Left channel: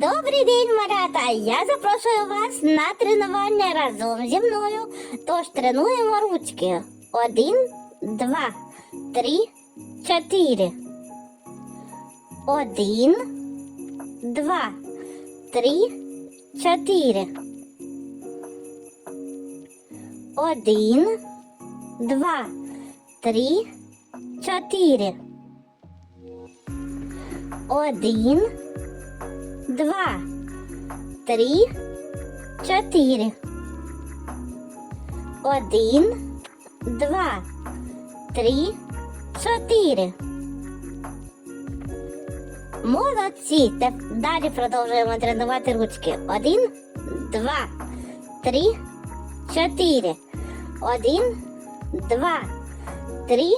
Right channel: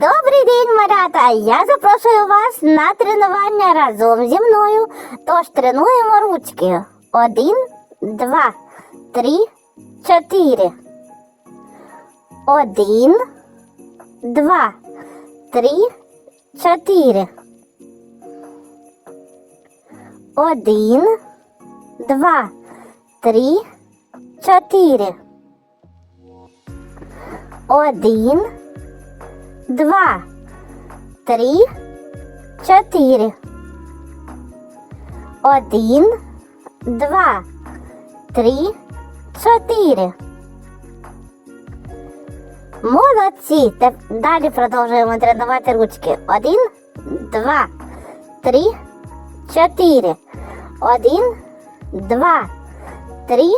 Добрий день, малята! Я запрошую вас на тренування разом зі мною. Тож тренуємо ручки. Один, два, три, чотири. Один, два, три, чотири. Один, два, три, чотири. Один, два, три, чотири. Один, два, три, чотири. Молодці. Далі продовжуємо тренувати ручки. Один, два, три, чотири. Один, два, три,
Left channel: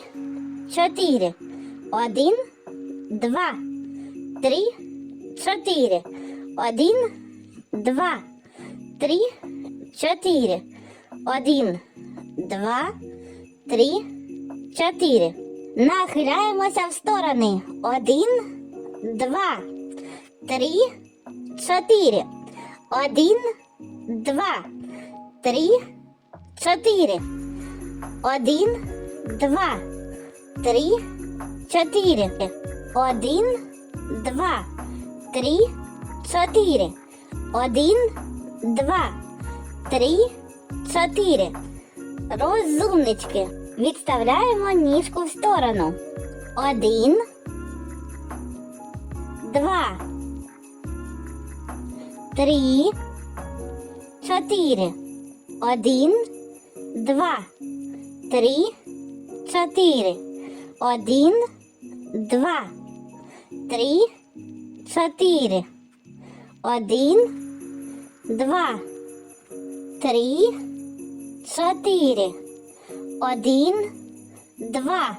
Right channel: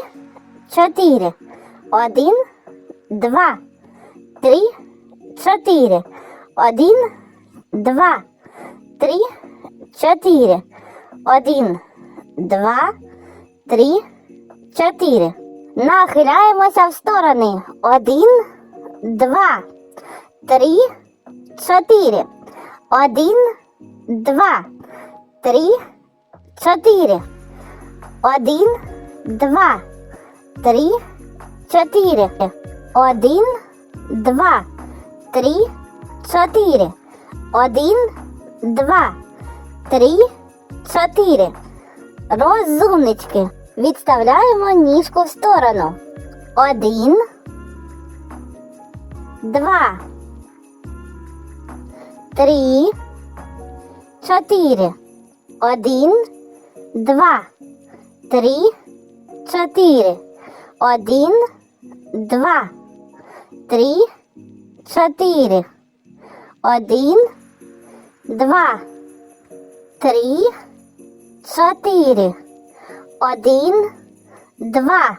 чотири. Один, два, три, чотири. Один, два, три, чотири. Один, два, три, чотири. Нахиляємося в сторони. Один, два, три, чотири. Один, два, три, чотири. Один, два, три, чотири. Один, два, три, чотири. Один, два, три, чотири. Розумнички. Відставляємо ніжку в сторону. Один, два, три, чотири. Один, два, три, чотири. Один, два, три, чотири. Один, два, три, чотири. Один, два,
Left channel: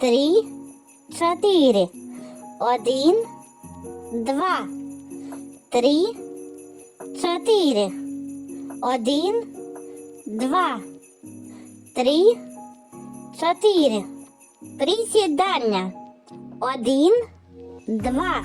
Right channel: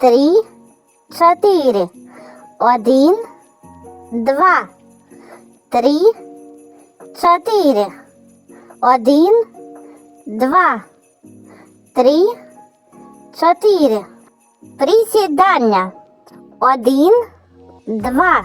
три, чотири. Один, два, три, чотири. Один, два, три, чотири. Присідання. Один, два,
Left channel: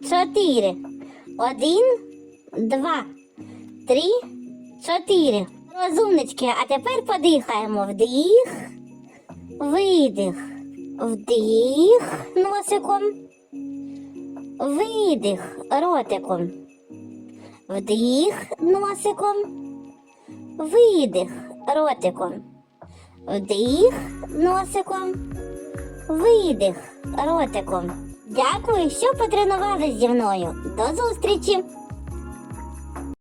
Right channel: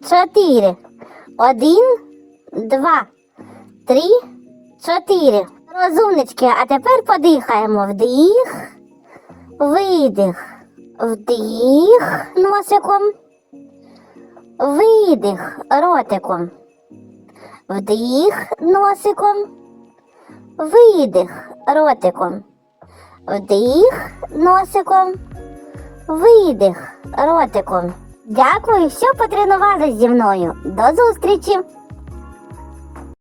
чотири. Один, два, три, чотири. Розумнички, а тепер подихаємо. Вдих, видих. Вдих носиком. Видих ротиком. Вдих носиком. Видих ротиком. Вдих носиком. Видих ротиком. Дякую, що потренувались зі мною. До зустрічі!